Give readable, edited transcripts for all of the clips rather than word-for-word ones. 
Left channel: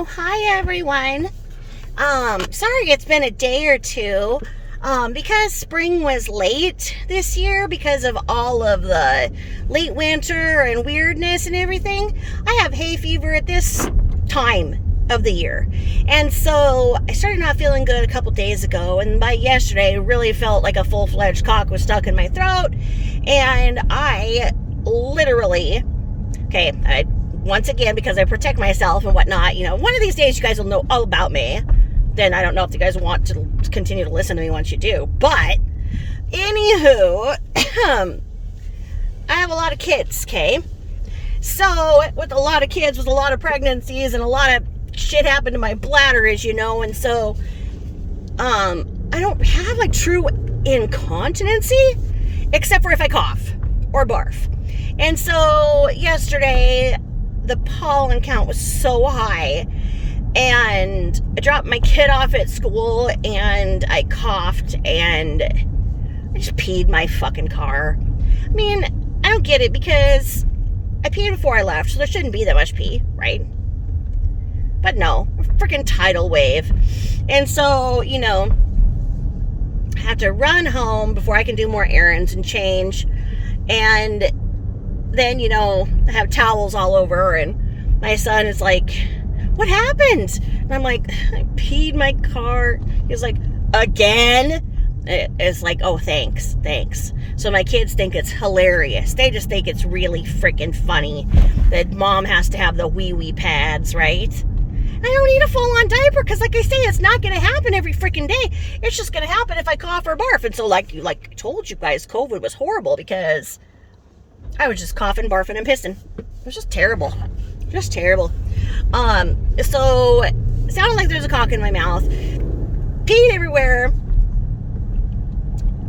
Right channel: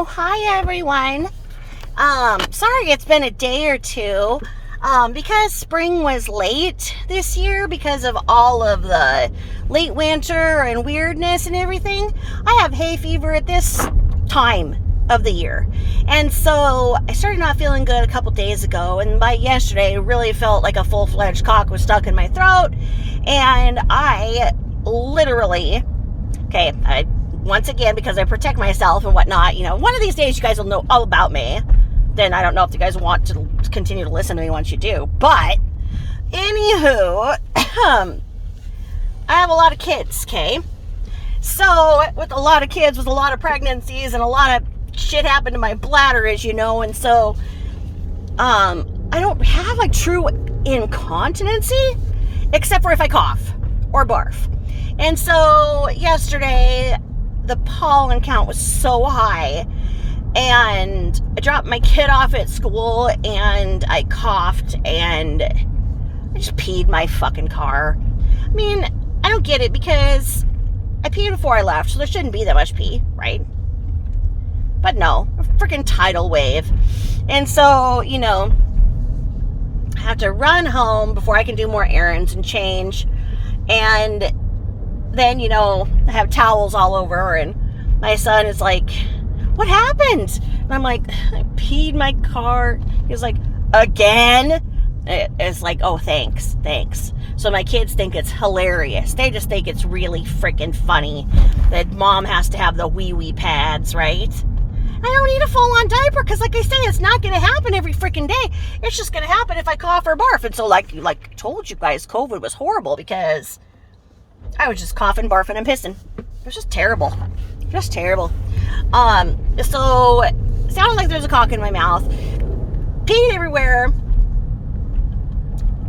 Oh, hi everyone. Sorry it's been a day or two. Because spring was late this year because of all of the late winter and weirdness and everything. I have hay fever at this time of the year. And so I started not feeling good a couple days ago, and by yesterday I really felt like a full-fledged cock was stuck in my throat, and I literally, once again, because I protect myself and whatnot, one of these days you guys will know all about me. Then I don't know if you guys want to continue to listen to me once you do. But, anywho, I have a lot of kids, okay? So, with a lot of kids, with a lot of pregnancies, and a lot of shit happened to my bladder, as you know, and so, I don't have like true incontinency, except for if I cough or barf. And so, yesterday, the pollen count was so high, and I dropped my kid off at school, and I coughed, and I just peed my fucking car. I mean, I don't get it, because I peed before I left, so there shouldn't be that much pee, right? But no, a freaking tidal wave. And so, I have to run home before I can do more errands and change. And then, I have towels all over, and my son is like, "What happened?" And I'm like, "I peed my car." He's like, "Again?" It's like, "Oh, thanks. So my kids think it's hilarious. They just think it's really freaking funny that mom has to have the wee pads, right? I don't need a full-on diaper, because like I say, it's not going to happen every freaking day. It's just going to happen if I cough or barf. And so like I told you guys, COVID was horrible, because I was just coughing, barfing, and pissing. It was just terrible. Just terrible. So it sounded like there's a cock in my mouth. Peed everywhere.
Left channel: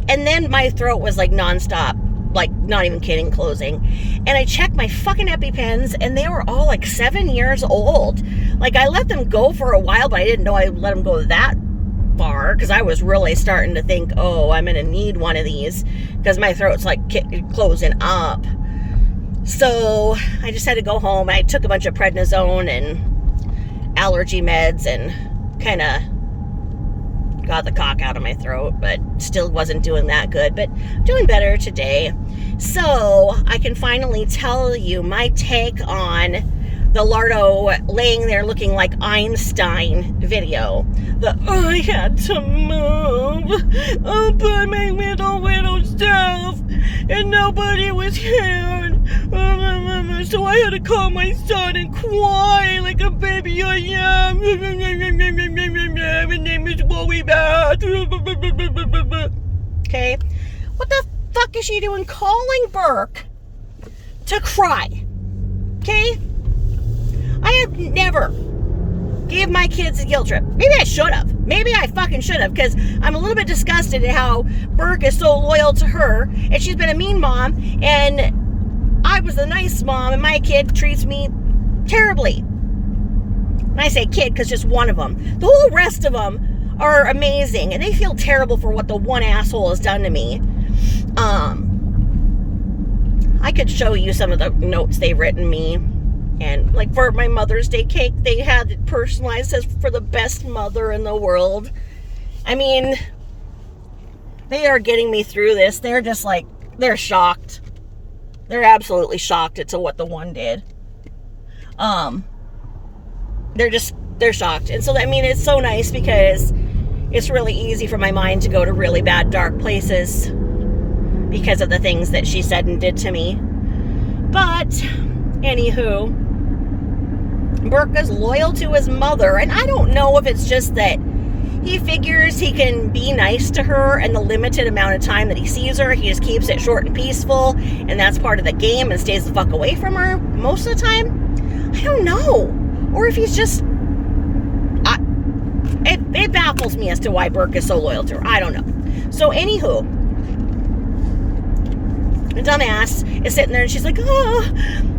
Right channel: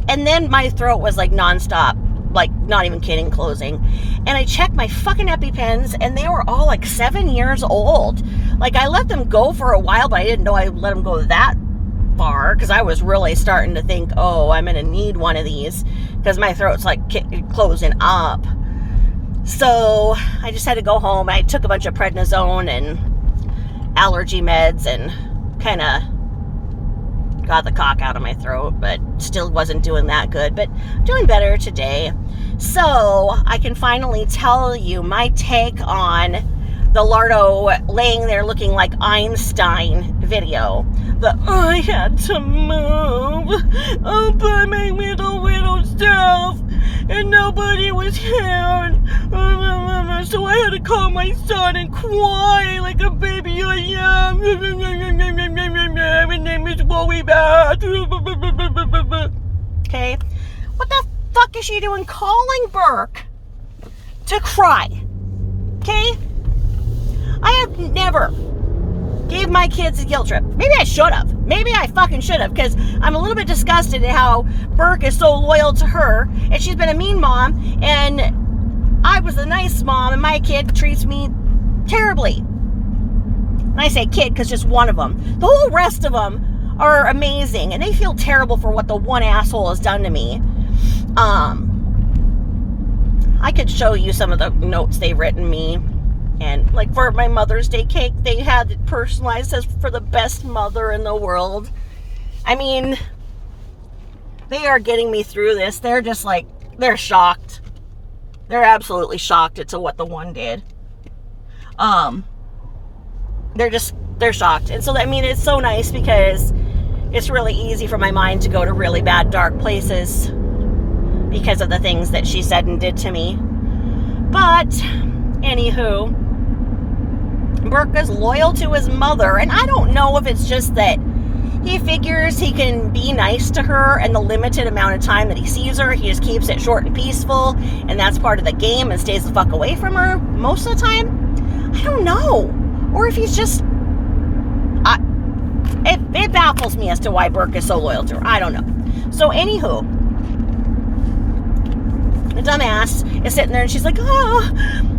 And then my throat was like nonstop, like not even kidding, closing. And I checked my fucking EpiPens, and they were all like 7 years old. Like, I let them go for a while, but I didn't know I let them go that far, because I was really starting to think, oh, I'm gonna need one of these, because my throat's like closing up. So I just had to go home. I took a bunch of prednisone and allergy meds and kind of got the cock out of my throat, but still wasn't doing that good, but doing better today. So I can finally tell you my take on the Lardo laying there looking like Einstein video. I had to move by my little self, and nobody was here. So I had to call my son and cry like a baby I am. My name is Wowie Bat. Okay? What the fuck is she doing calling Burke to cry? Okay? I have never gave my kids a guilt trip. Maybe I should have. Maybe I fucking should have, because I'm a little bit disgusted at how Burke is so loyal to her, and she's been a mean mom, and I was a nice mom, and my kid treats me terribly. And I say kid because just one of them. The whole rest of them are amazing, and they feel terrible for what the one asshole has done to me. I could show you some of the notes they've written me. And like for my Mother's Day cake, they had it personalized as for the best mother in the world. I mean, they are getting me through this. They're just like, they're shocked. They're absolutely shocked at what the one did. They're shocked. And so, I mean, it's so nice, because it's really easy for my mind to go to really bad, dark places because of the things that she said and did to me. But, anywho, Burke is loyal to his mother, and I don't know if it's just that he figures he can be nice to her, and the limited amount of time that he sees her, he just keeps it short and peaceful, and that's part of the game, and stays the fuck away from her most of the time. I don't know. Or if he's just... It baffles me as to why Burke is so loyal to her. I don't know. So, anywho, the dumbass is sitting there, and she's like, oh,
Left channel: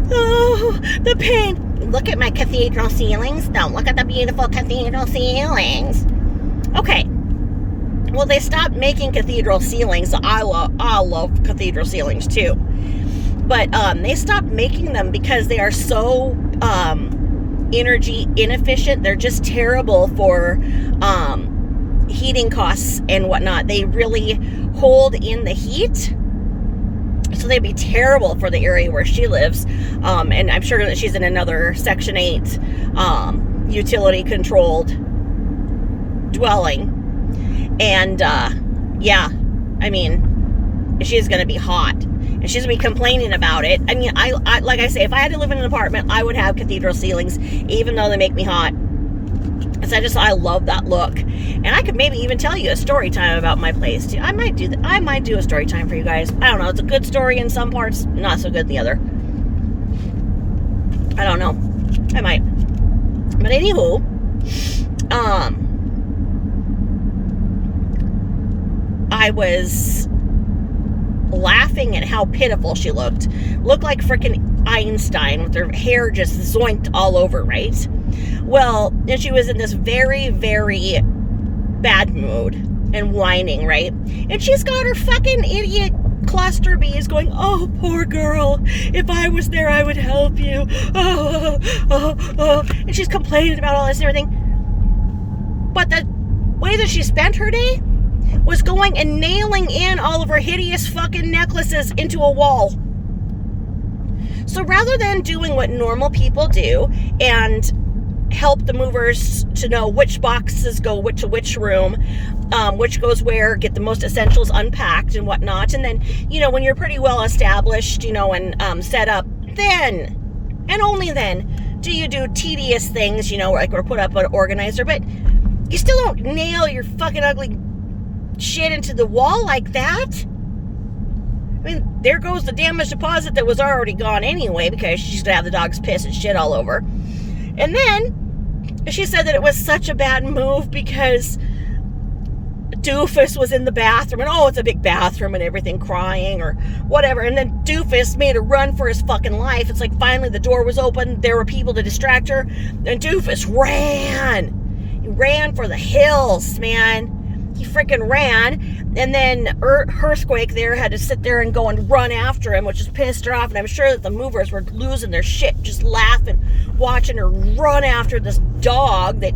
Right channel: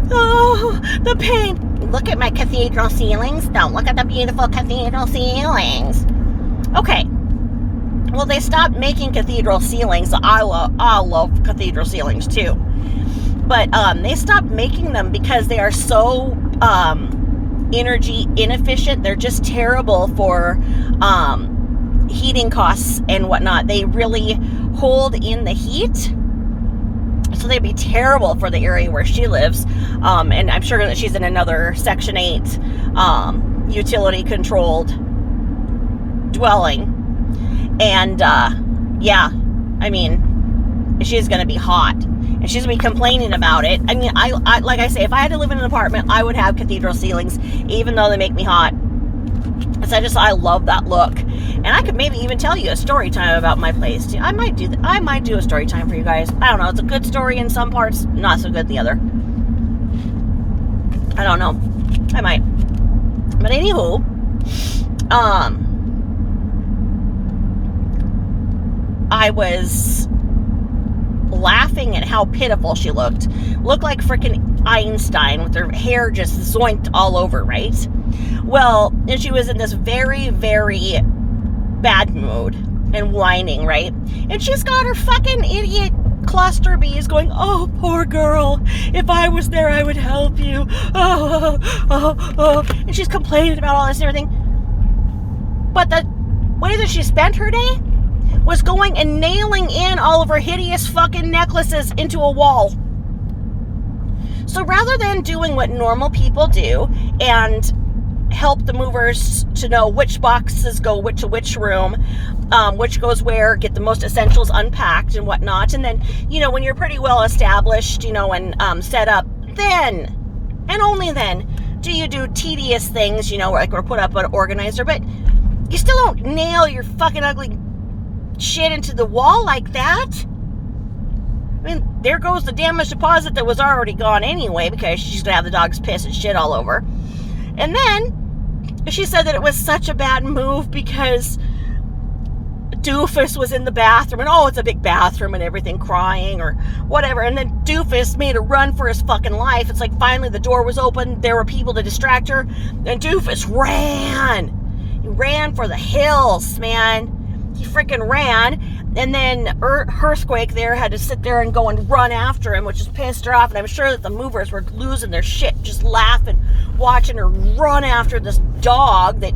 the pain. Look at my cathedral ceilings. Don't look at the beautiful cathedral ceilings. Okay. Well, they stopped making cathedral ceilings. I love cathedral ceilings too. But they stopped making them because they are so energy inefficient. They're just terrible for heating costs and whatnot. They really hold in the heat. So they'd be terrible for the area where she lives. And I'm sure that she's in another Section 8 utility controlled dwelling. And yeah, I mean, she's going to be hot. And she's going to be complaining about it. I mean, I like I say, if I had to live in an apartment, I would have cathedral ceilings, even though they make me hot. Because I love that look. And I could maybe even tell you a story time about my place too. I might do a story time for you guys. I don't know. It's a good story in some parts, not so good in the other. I don't know. I might. But anywho, I was laughing at how pitiful she looked. Looked like freaking Einstein with her hair just zoinked all over, right? Well, and she was in this very, very bad mood and whining, right? And she's got her fucking idiot cluster bees going, oh, poor girl. If I was there, I would help you. Oh. And she's complaining about all this and everything. But the way that she spent her day was going and nailing in all of her hideous fucking necklaces into a wall. So rather than doing what normal people do and help the movers to know which boxes go which room, which goes where, get the most essentials unpacked and whatnot, and then, when you're pretty well established, and set up, then, and only then, do you do tedious things, or put up an organizer, but you still don't nail your fucking ugly shit into the wall like that. I mean, there goes the damage deposit that was already gone anyway, because she's gonna have the dog's piss and shit all over. And then she said that it was such a bad move because Dufus was in the bathroom, and it's a big bathroom and everything, crying or whatever. And then Dufus made a run for his fucking life. It's like finally the door was open, there were people to distract her, and Dufus ran. He ran for the hills, man. He freaking ran. And then Earthquake there had to sit there and go and run after him, which just pissed her off. And I'm sure that the movers were losing their shit, just laughing, watching her run after this dog that,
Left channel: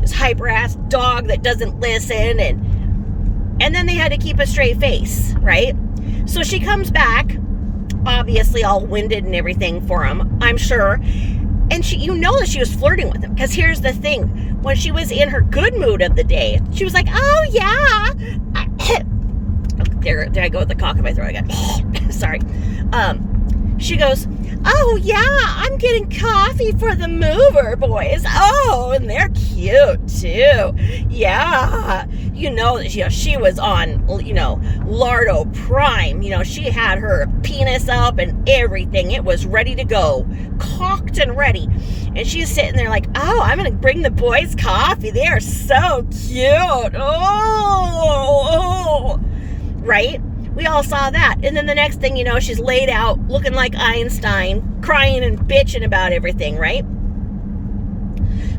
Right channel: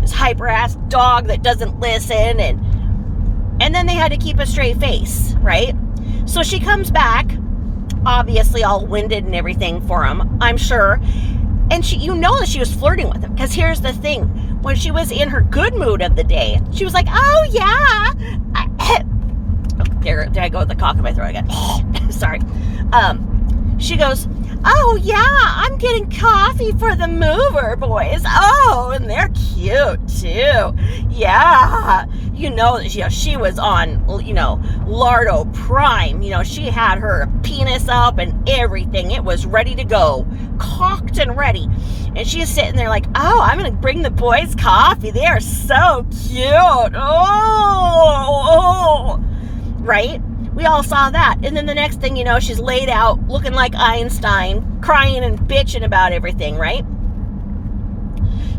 this hyper-ass dog that doesn't listen. And then they had to keep a straight face, right? So she comes back, obviously all winded and everything for him, I'm sure. And she, that she was flirting with him. Because here's the thing. When she was in her good mood of the day, she was like, oh, yeah. There I go with the cock in my throat again. Sorry. She goes, oh, yeah, I'm getting coffee for the mover boys. Oh, and they're cute, too. Yeah. That she was on, Lardo Prime. She had her penis up and everything. It was ready to go. Cocked and ready. And she's sitting there like, oh, I'm going to bring the boys coffee. They are so cute. Oh. Right? We all saw that. And then the next thing you know, she's laid out looking like Einstein, crying and bitching about everything, right?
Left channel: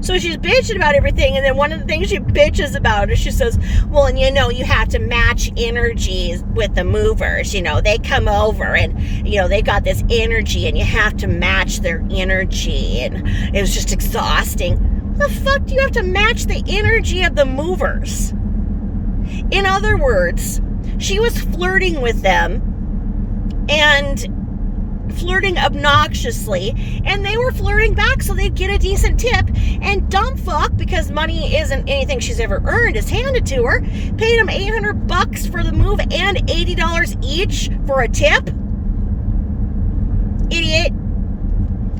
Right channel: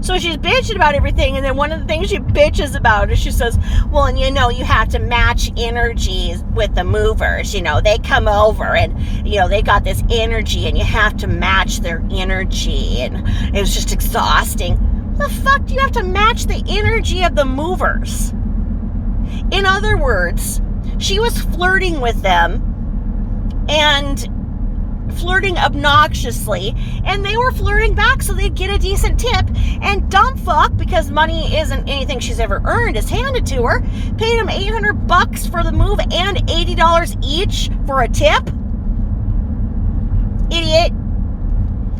So she's bitching about everything, and then one of the things she bitches about is she says, well, and you have to match energies with the movers. They come over and, they got this energy, and you have to match their energy. And it was just exhausting. The fuck do you have to match the energy of the movers? In other words, she was flirting with them and flirting obnoxiously, and they were flirting back so they'd get a decent tip. And dumb fuck, because money isn't anything she's ever earned, is handed to her, paid him $800 for the move and $80 each for a tip. Idiot.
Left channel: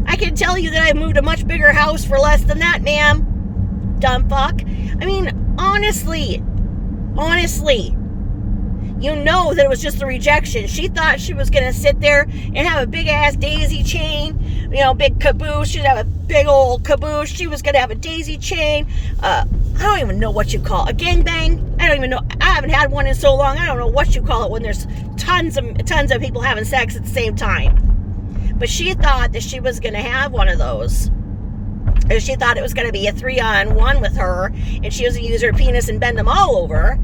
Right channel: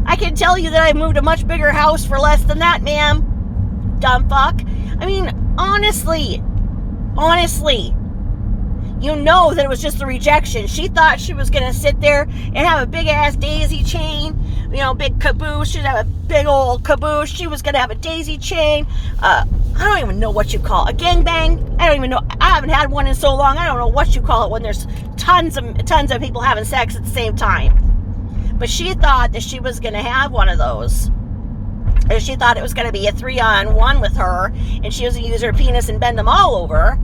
I can tell you that I moved a much bigger house for less than that, ma'am. Dumb fuck. I mean, honestly, that it was just a rejection. She thought she was going to sit there and have a big-ass daisy chain, big caboose. She'd have a big old caboose. She was going to have a daisy chain. I don't even know what you call it. A gangbang? I don't even know. I haven't had one in so long. I don't know what you call it when there's tons of people having sex at the same time. But she thought that she was going to have one of those. Or she thought it was going to be a 3-on-1 with her, and she was going to use her penis and bend them all over.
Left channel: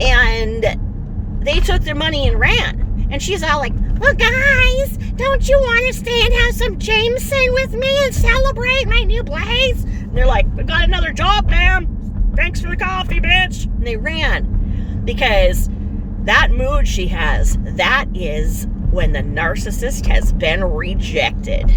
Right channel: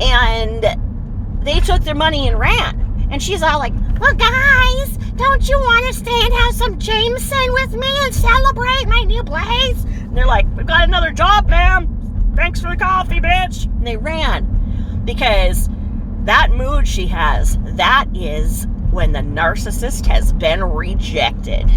And they took their money and ran. And she's all like, well, guys, don't you want to stay and have some Jameson with me and celebrate my new place? And they're like, we've got another job, ma'am. Thanks for the coffee, bitch. And they ran because that mood she has, that is when the narcissist has been rejected.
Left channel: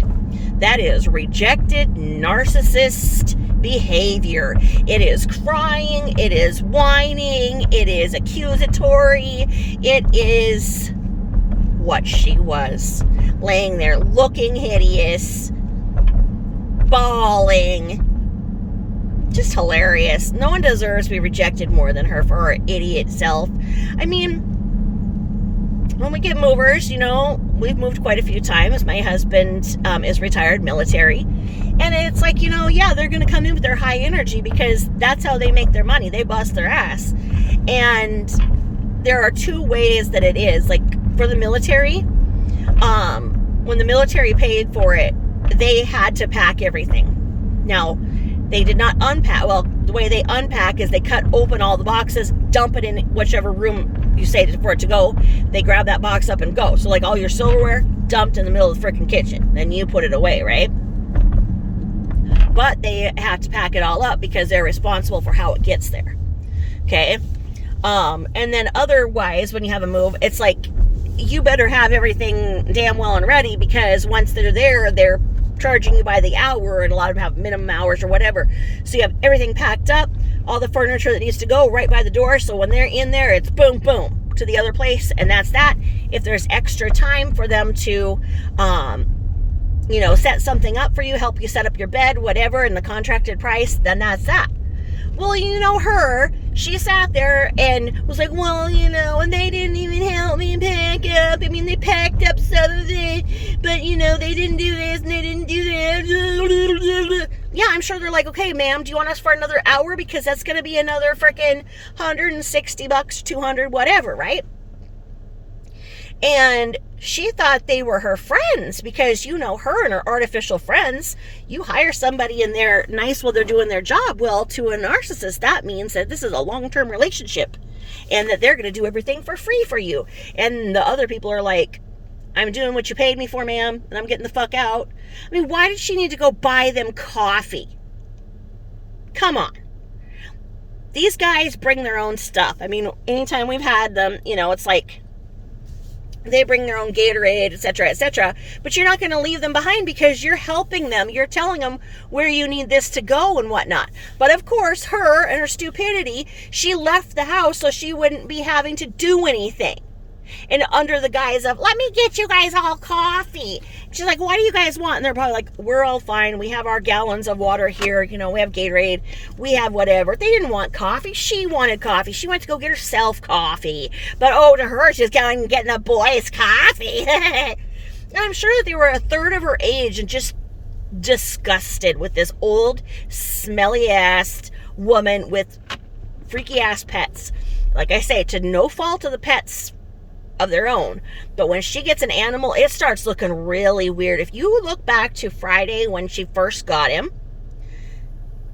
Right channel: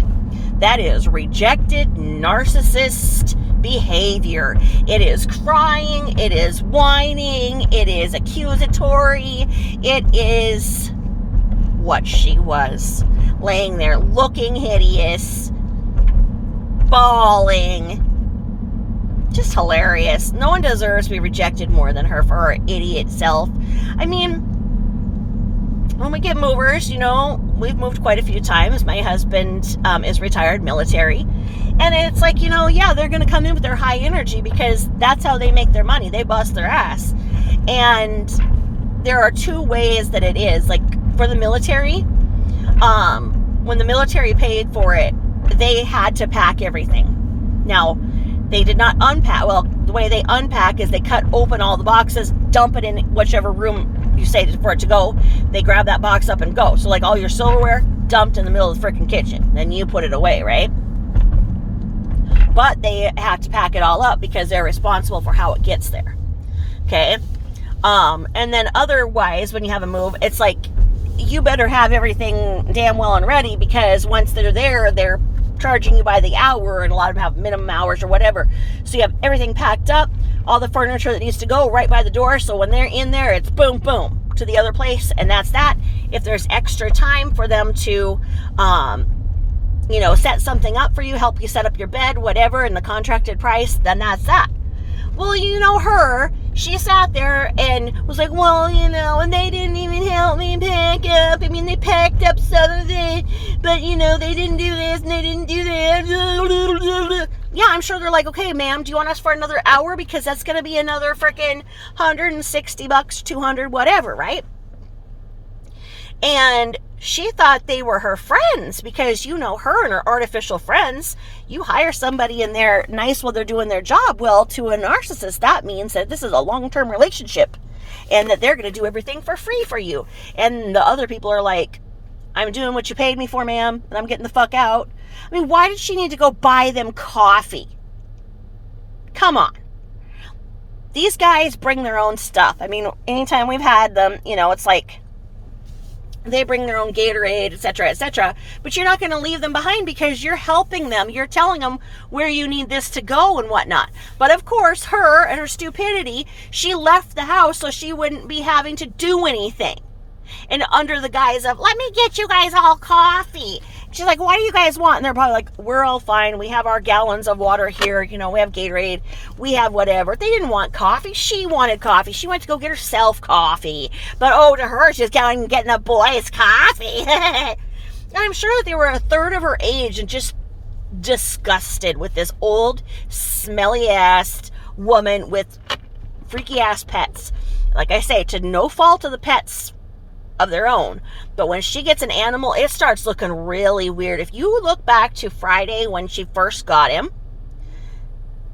That is rejected narcissist behavior. It is crying, it is whining, it is accusatory, it is what she was. Laying there looking hideous, bawling. Just hilarious. No one deserves to be rejected more than her for her idiot self. I mean, when we get movers, we've moved quite a few times. My husband is retired military. And it's like, yeah, they're going to come in with their high energy because that's how they make their money. They bust their ass. And there are two ways that it is. Like for the military, when the military paid for it, they had to pack everything. Now, they did not unpack. Well, the way they unpack is they cut open all the boxes, dump it in whichever room you say for it to go. They grab that box up and go. So like all your silverware dumped in the middle of the freaking kitchen. Then you put it away, right? But they have to pack it all up because they're responsible for how it gets there. Okay? And then otherwise, when you have a move, it's like you better have everything damn well and ready because once they're there, they're charging you by the hour, and a lot of them have minimum hours or whatever. So you have everything packed up, all the furniture that needs to go right by the door. So when they're in there, it's boom, boom to the other place, and that's that. If there's extra time for them to, set something up for you, help you set up your bed, whatever, and the contracted price, then that's that. Well, her, she sat there and was like, well, and they didn't even help me pack up. I mean, they packed up some of it, but, they didn't do this and they didn't do that. Yeah, I'm sure they're like, okay, ma'am, do you want us for another hour? Because that's going to be another freaking $160, $200, whatever, right? And she thought they were her friends because her and her artificial friends. You hire somebody and they're nice while they're doing their job. Well, to a narcissist, that means that this is a long-term relationship and that they're going to do everything for free for you. And the other people are like, I'm doing what you paid me for, ma'am, and I'm getting the fuck out. I mean, why did she need to go buy them coffee? Come on. These guys bring their own stuff. I mean, anytime we've had them, it's like, they bring their own Gatorade, etc., etc. But you're not going to leave them behind because you're helping them. You're telling them where you need this to go and whatnot. But of course, her and her stupidity, she left the house so she wouldn't be having to do anything. And under the guise of, let me get you guys all coffee. She's like, what do you guys want? And they're probably like, we're all fine. We have our gallons of water here. We have Gatorade. We have whatever. They didn't want coffee. She wanted coffee. She went to go get herself coffee. But to her, she's going and getting a boy's coffee. And I'm sure that they were a third of her age and just disgusted with this old, smelly-ass woman with freaky-ass pets. Like I say, to no fault of the pets of their own, but when she gets an animal, it starts looking really weird. If you look back to Friday when she first got him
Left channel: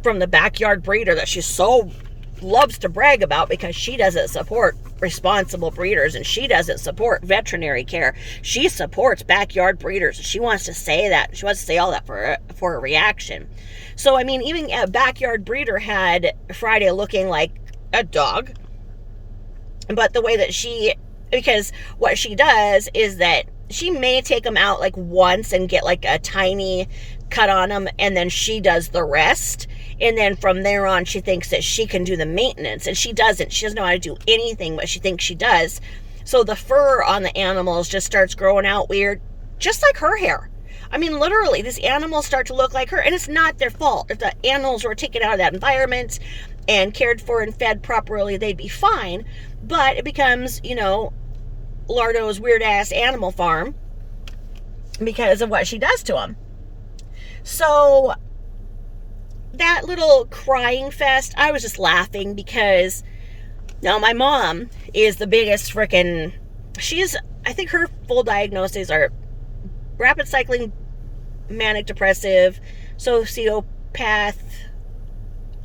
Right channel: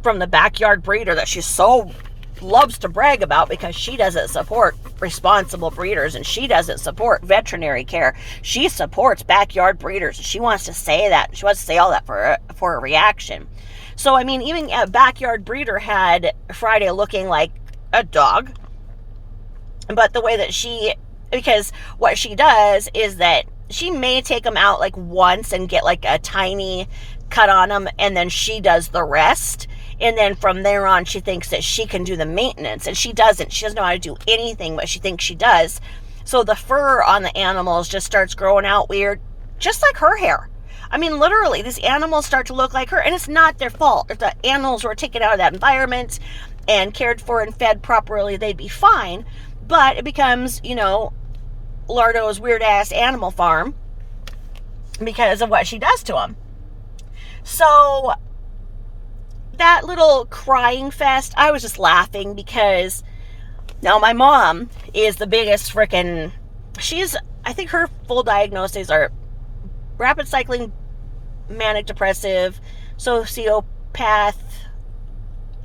from the backyard breeder that she so loves to brag about because she doesn't support responsible breeders and she doesn't support veterinary care, she supports backyard breeders. She wants to say that. She wants to say all that for a reaction. So I mean, even a backyard breeder had Friday looking like a dog, but the way that because what she does is that she may take them out like once and get like a tiny cut on them, and then she does the rest. And then from there on, she thinks that she can do the maintenance, and she doesn't. She doesn't know how to do anything, but she thinks she does. So the fur on the animals just starts growing out weird, just like her hair. I mean, literally, these animals start to look like her, and it's not their fault. If the animals were taken out of that environment and cared for and fed properly, they'd be fine. But it becomes, Lardo's weird-ass animal farm because of what she does to him. So that little crying fest, I was just laughing because now my mom is the biggest freaking, I think her full diagnoses are rapid cycling, manic depressive, sociopath,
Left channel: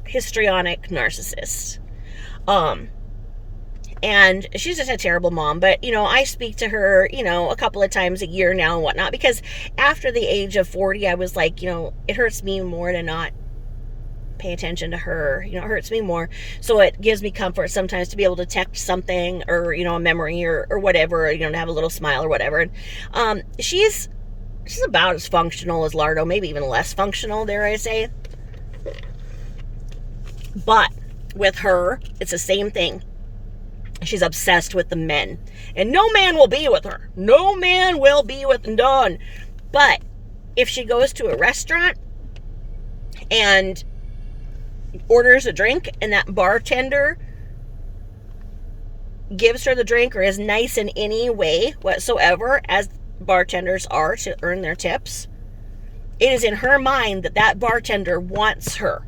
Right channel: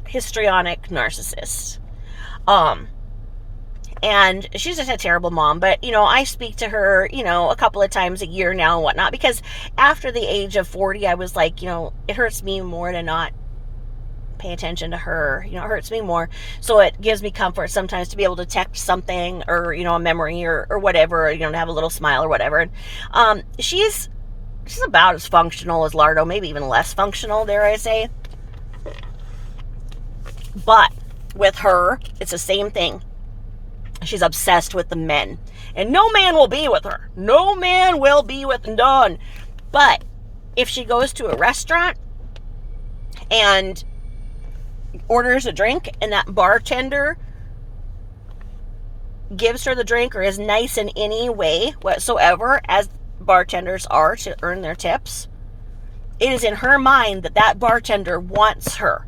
histrionic narcissist. And she's just a terrible mom. But, I speak to her, a couple of times a year now and whatnot, because after the age of 40, I was like, it hurts me more to not pay attention to her. It hurts me more. So it gives me comfort sometimes to be able to text something, or, a memory, or whatever, to have a little smile or whatever. And she's about as functional as Lardo, maybe even less functional, dare I say. But with her, it's the same thing. She's obsessed with the men. And no man will be with her. No man will be with none. But if she goes to a restaurant and orders a drink, and that bartender gives her the drink, or is nice in any way whatsoever, as bartenders are to earn their tips, it is in her mind that bartender wants her.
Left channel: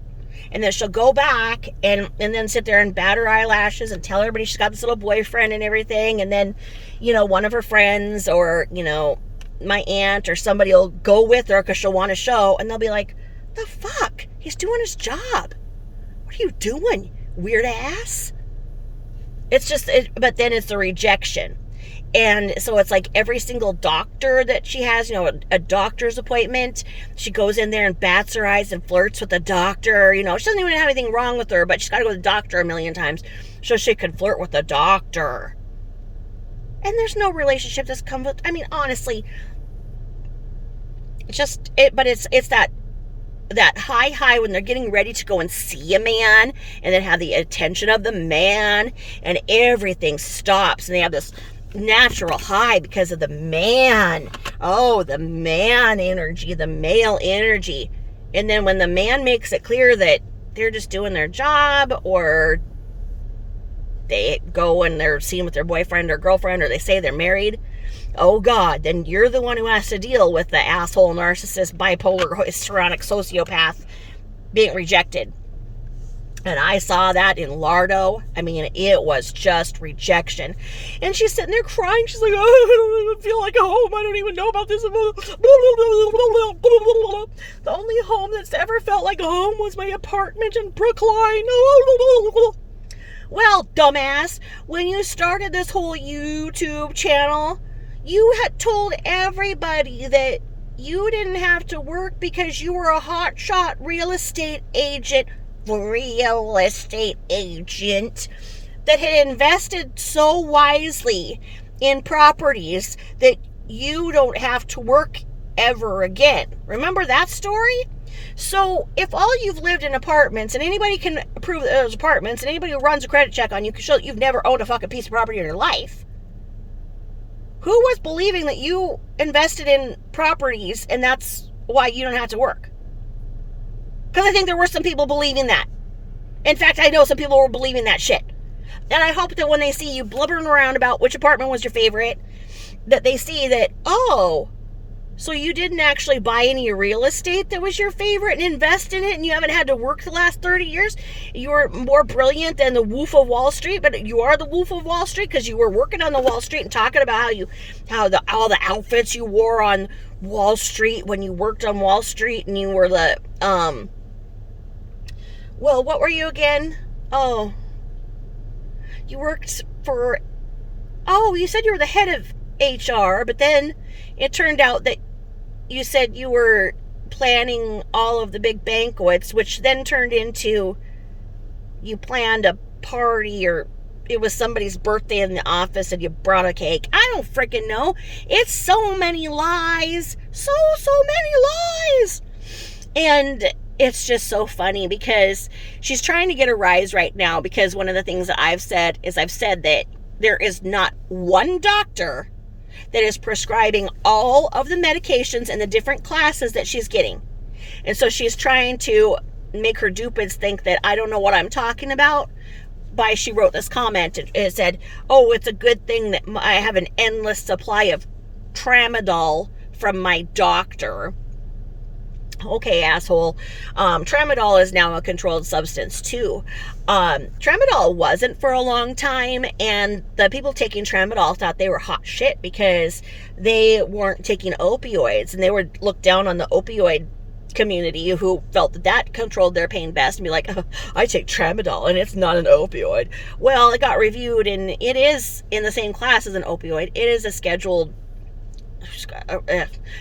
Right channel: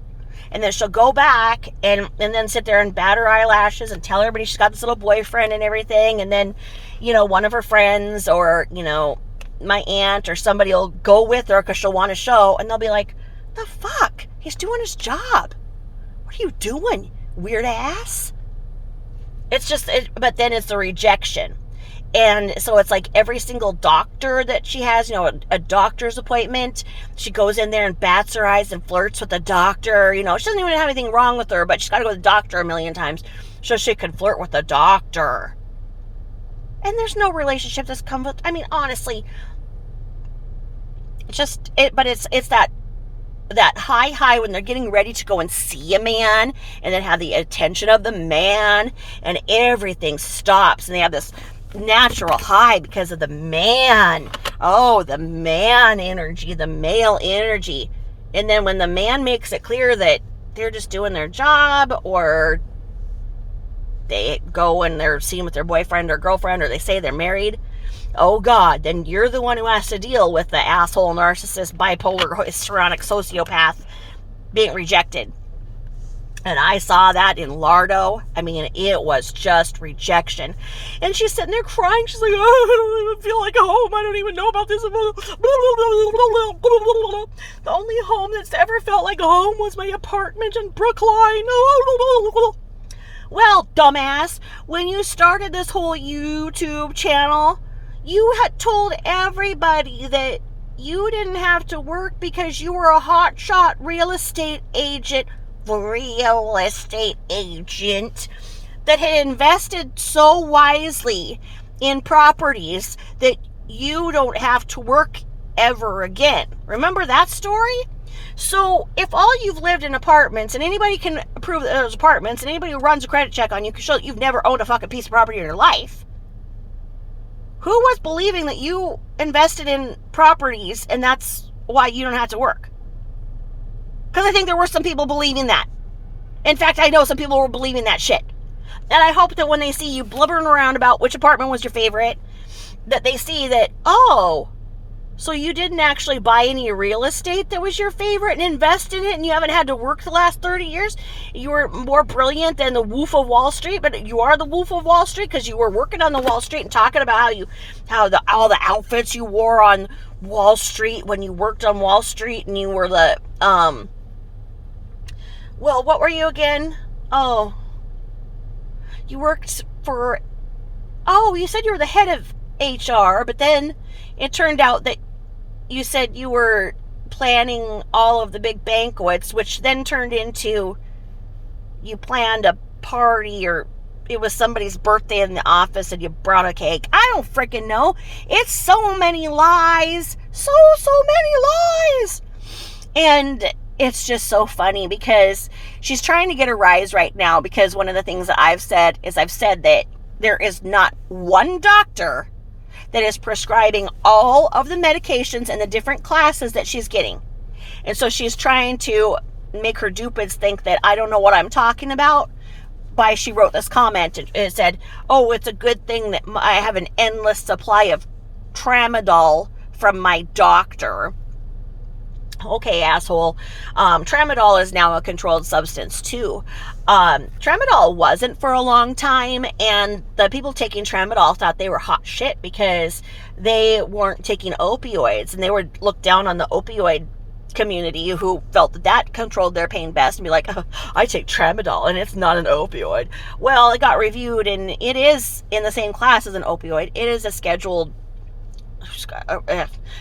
And then she'll go back and then sit there and bat her eyelashes and tell everybody she's got this little boyfriend and everything. And then, one of her friends, or, my aunt or somebody will go with her because she'll want to show. And they'll be like, the fuck? He's doing his job. What are you doing, weird ass? It's just, but then it's the rejection. And so it's like every single doctor that she has, a doctor's appointment, she goes in there and bats her eyes and flirts with the doctor. She doesn't even have anything wrong with her, but she's got to go to the doctor a million times so she can flirt with the doctor. And there's no relationship that's come with, honestly, but it's that high when they're getting ready to go and see a man, and then have the attention of the man, and everything stops, and they have this natural high because of the man. Oh, the man energy, the male energy. And then when the man makes it clear that they're just doing their job, or they go and they're seen with their boyfriend or girlfriend, or they say they're married, oh God, then you're the one who has to deal with the asshole, narcissist, bipolar, histrionic sociopath being rejected. And I saw that in Lardo. It was just rejection. And she's sitting there crying. She's like, oh, I don't even feel like home. I don't even know about this. The only home that's ever felt like a home was my apartment in Brookline. Well, dumbass, when you started this whole YouTube channel, you had told everybody that you didn't have to work because you were a hotshot real estate agent that had invested so wisely in properties that you don't have to work ever again. Remember that story? So if all you've lived in apartments, and anybody can prove that those apartments, and anybody who runs a credit check on you can show that you've never owned a fucking piece of property in your life, who was believing that you invested in properties and that's why you don't have to work? Because I think there were some people believing that. In fact, I know some people were believing that shit. And I hope that when they see you blubbering around about which apartment was your favorite, that they see that, oh, so you didn't actually buy any real estate that was your favorite and invest in it, and you haven't had to work the last 30 years. You were more brilliant than the Wolf of Wall Street, but you are the Wolf of Wall Street because you were working on the Wall Street and talking about all the outfits you wore on Wall Street when you worked on Wall Street, and you were the well, what were you again? Oh, you worked for, you said you were the head of HR, but then it turned out that you said you were planning all of the big banquets, which then turned into you planned a party, or it was somebody's birthday in the office and you brought a cake. I don't freaking know. It's so many lies. So many lies. And it's just so funny because she's trying to get a rise right now, because one of the things that I've said that there is not one doctor that is prescribing all of the medications and the different classes that she's getting. And so she's trying to make her dupids think that I don't know what I'm talking about. She wrote this comment and it said, oh, it's a good thing that I have an endless supply of tramadol from my doctor. Okay, asshole. Tramadol is now a controlled substance too. Tramadol wasn't for a long time, and the people taking tramadol thought they were hot shit because they weren't taking opioids, and they were looked down on the opioid community who felt that that controlled their pain best and be like, oh, I take tramadol and it's not an opioid. Well, it got reviewed and it is in the same class as an opioid. It is a scheduled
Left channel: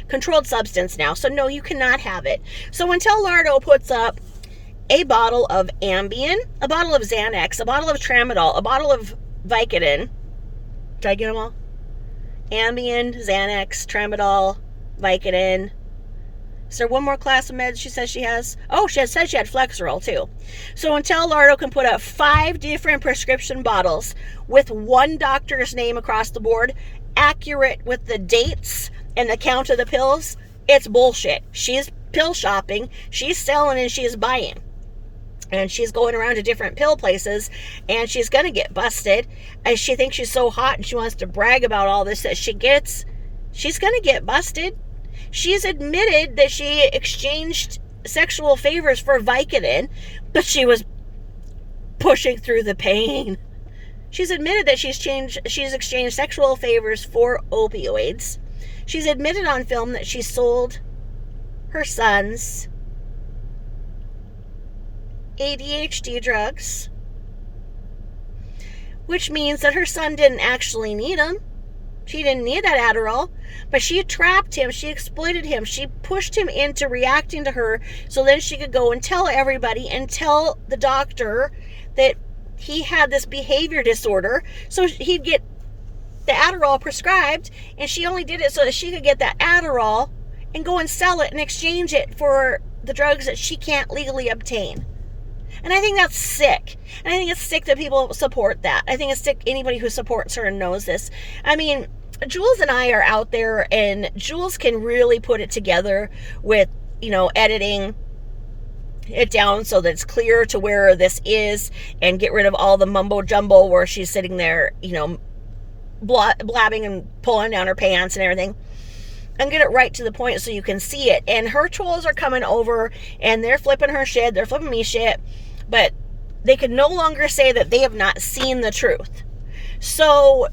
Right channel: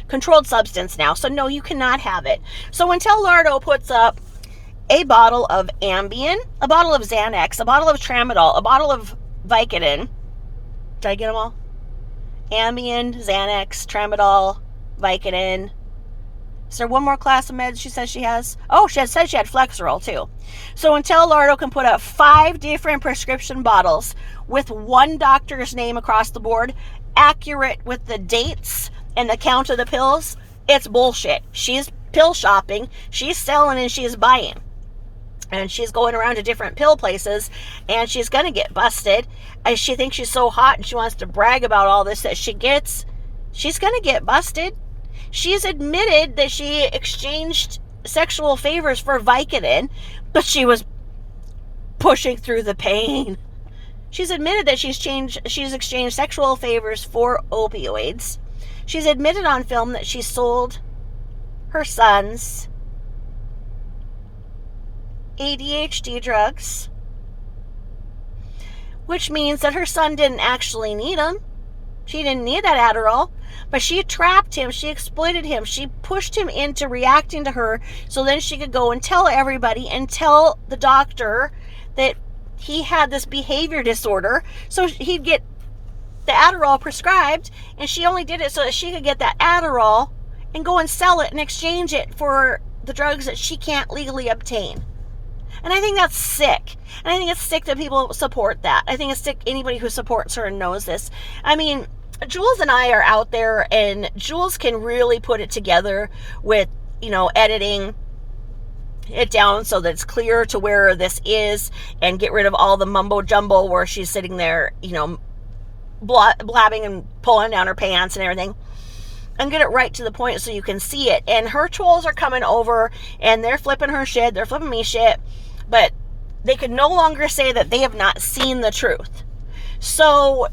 controlled substance now. So no, you cannot have it. So until Lardo puts up a bottle of Ambien, a bottle of Xanax, a bottle of tramadol, a bottle of Vicodin. Did I get them all? Ambien, Xanax, tramadol, Vicodin. Is there one more class of meds she says she has? Oh, she said she had Flexeril too. So until Lardo can put up 5 different prescription bottles with one doctor's name across the board, accurate with the dates and the count of the pills, it's bullshit. She's pill shopping, she's selling, and she's buying. And she's going around to different pill places, and she's going to get busted. And she thinks she's so hot and she wants to brag about all this that she gets. She's going to get busted. She's admitted that she exchanged sexual favors for Vicodin, but she was pushing through the pain. She's admitted that she's exchanged sexual favors for opioids. She's admitted on film that she sold her son's ADHD drugs, which means that her son didn't actually need them. She didn't need that Adderall, but she trapped him, she exploited him, she pushed him into reacting to her so then she could go and tell everybody and tell the doctor that he had this behavior disorder, so he'd get the Adderall prescribed, and she only did it so that she could get that Adderall and go and sell it and exchange it for the drugs that she can't legally obtain. And I think that's sick. And I think it's sick that people support that. I think it's sick anybody who supports her and knows this. I mean, Jules and I are out there, and Jules can really put it together with, editing it down so that it's clear to where this is and get rid of all the mumbo jumbo where she's sitting there, blabbing and pulling down her pants and everything, and get it right to the point so you can see it. And her trolls are coming over and they're flipping her shit, they're flipping me shit, but they can no longer say that they have not seen the truth. So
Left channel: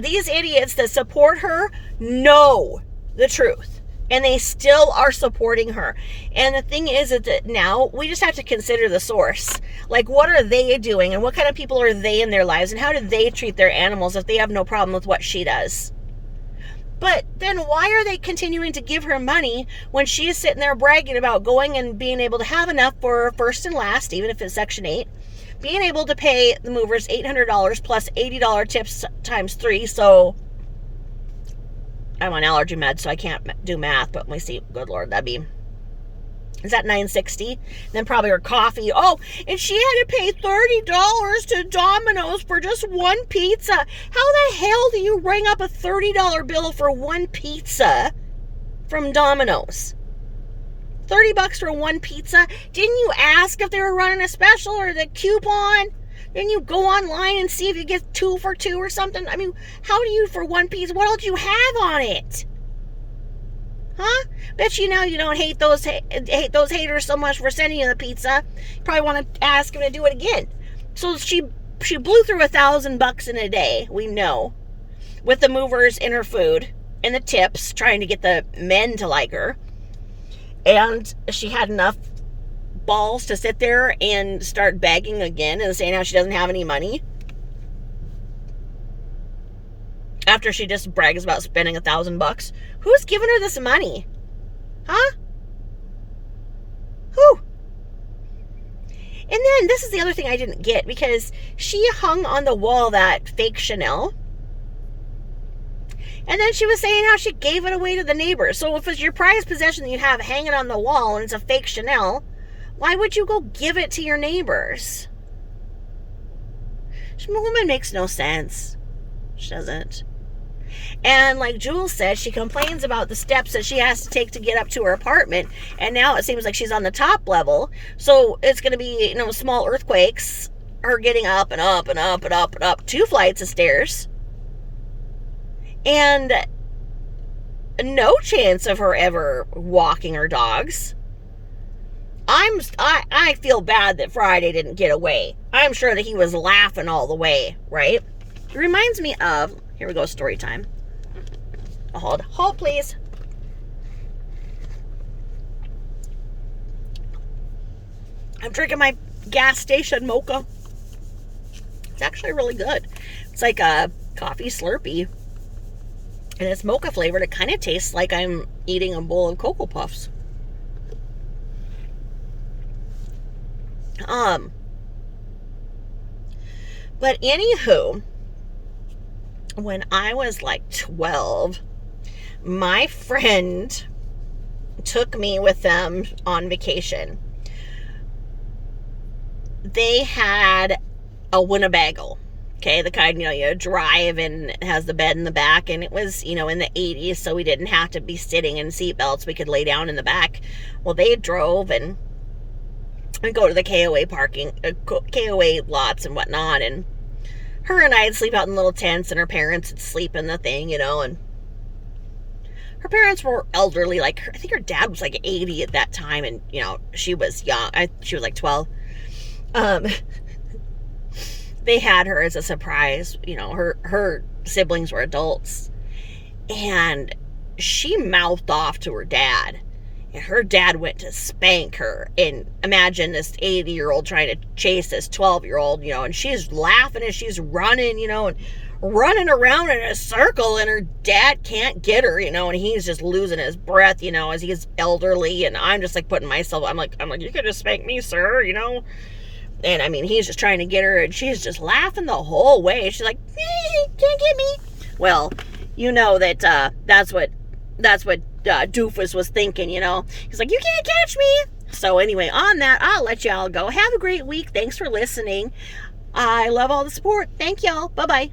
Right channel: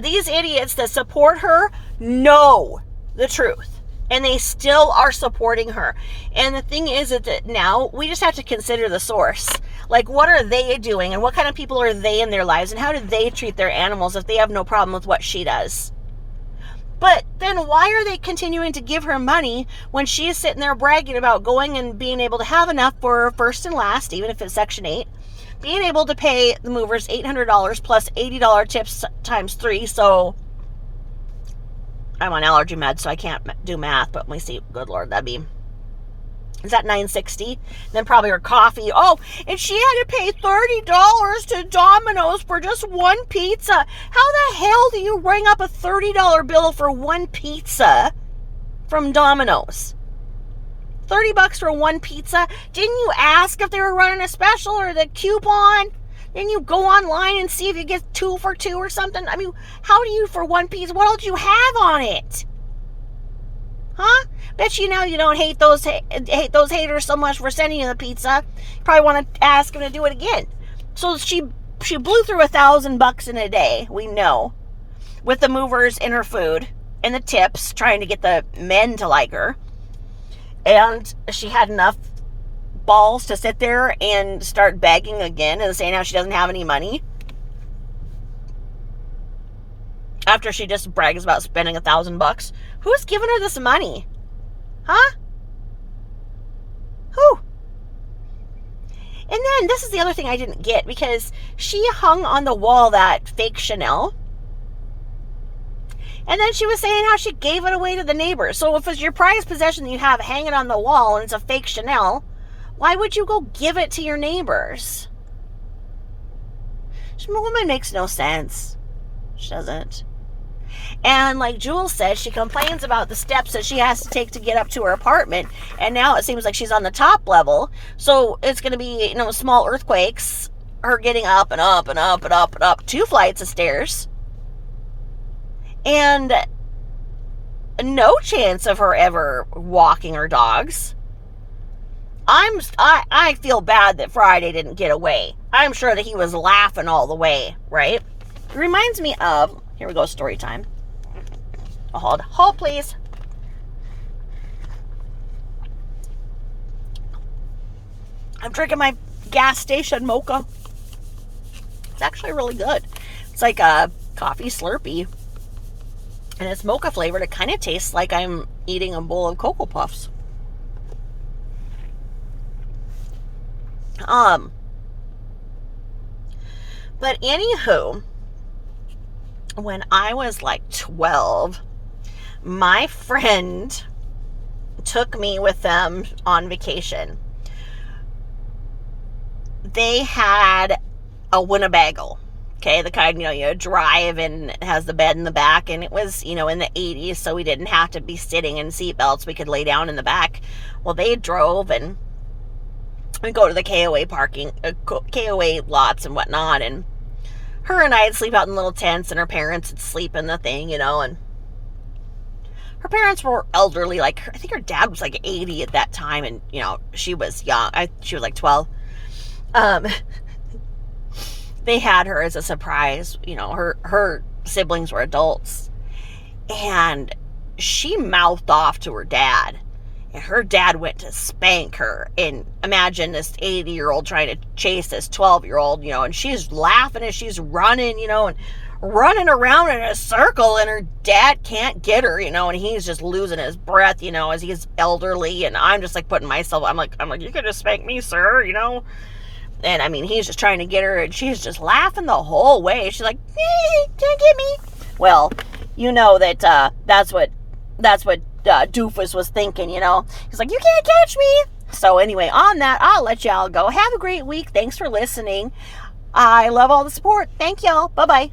these idiots that support her know the truth, and they still are supporting her. And the thing is that now we just have to consider the source. Like, what are they doing, and what kind of people are they in their lives, and how do they treat their animals if they have no problem with what she does? But then why are they continuing to give her money when she is sitting there bragging about going and being able to have enough for first and last, even if it's Section 8, being able to pay the movers $800 plus $80 tips times 3, so I'm on allergy meds, so I can't do math, but let me see, good Lord, is that $9.60? Then probably her coffee. Oh, and she had to pay $30 to Domino's for just one pizza. How the hell do you ring up a $30 bill for one pizza from Domino's? $30 for one pizza? Didn't you ask if they were running a special or the coupon? Didn't you go online and see if you get 2 for 2 or something? I mean, how do you for one pizza? What else do you have on it? Huh? Bet you now you don't hate those haters so much for sending you the pizza. You probably want to ask them to do it again. So she blew through $1,000 in a day, we know, with the movers in her food and the tips, trying to get the men to like her. And she had enough balls to sit there and start begging again and saying how she doesn't have any money after she just brags about spending $1,000. Who's giving her this money? Huh? Who? And then this is the other thing I didn't get, because she hung on the wall that fake Chanel, and then she was saying how she gave it away to the neighbors. So if it's your prized possession that you have hanging on the wall and it's a fake Chanel, why would you go give it to your neighbors? This woman makes no sense. She doesn't. And like Jules said, she complains about the steps that she has to take to get up to her apartment. And now it seems like she's on the top level. So it's going to be, small earthquakes. Her getting up and up and up and up and up 2 flights of stairs. And no chance of her ever walking her dogs. I feel bad that Friday didn't get away. I'm sure that he was laughing all the way, right? It reminds me of, here we go, story time. Hold please. I'm drinking my gas station mocha. It's actually really good. It's like a coffee Slurpee. And it's mocha flavored. It kind of tastes like I'm eating a bowl of Cocoa Puffs. But anywho, when I was like 12, my friend took me with them on vacation. They had a Winnebago. Okay, the kind, you drive and it has the bed in the back, and it was, in the 80s, so we didn't have to be sitting in seatbelts. We could lay down in the back. Well, they drove and go to the KOA lots and whatnot, and her and I'd sleep out in little tents, and her parents would sleep in the thing, and her parents were elderly. Like, I think her dad was like 80 at that time, and, she was young. She was like 12. They had her as a surprise. Her siblings were adults, and she mouthed off to her dad. And her dad went to spank her. And imagine this 80-year-old trying to chase this 12-year-old, and she's laughing as she's running, and running around in a circle, and her dad can't get her, and he's just losing his breath, as he's elderly. And I'm just like putting myself, I'm like, you could just spank me, sir, And I mean, he's just trying to get her, and she's just laughing the whole way. She's like, can't get me. Well, that's what Dufus was thinking, He's like, you can't catch me. So anyway, on that, I'll let y'all go. Have a great week. Thanks for listening. I love all the support. Thank y'all. Bye-bye.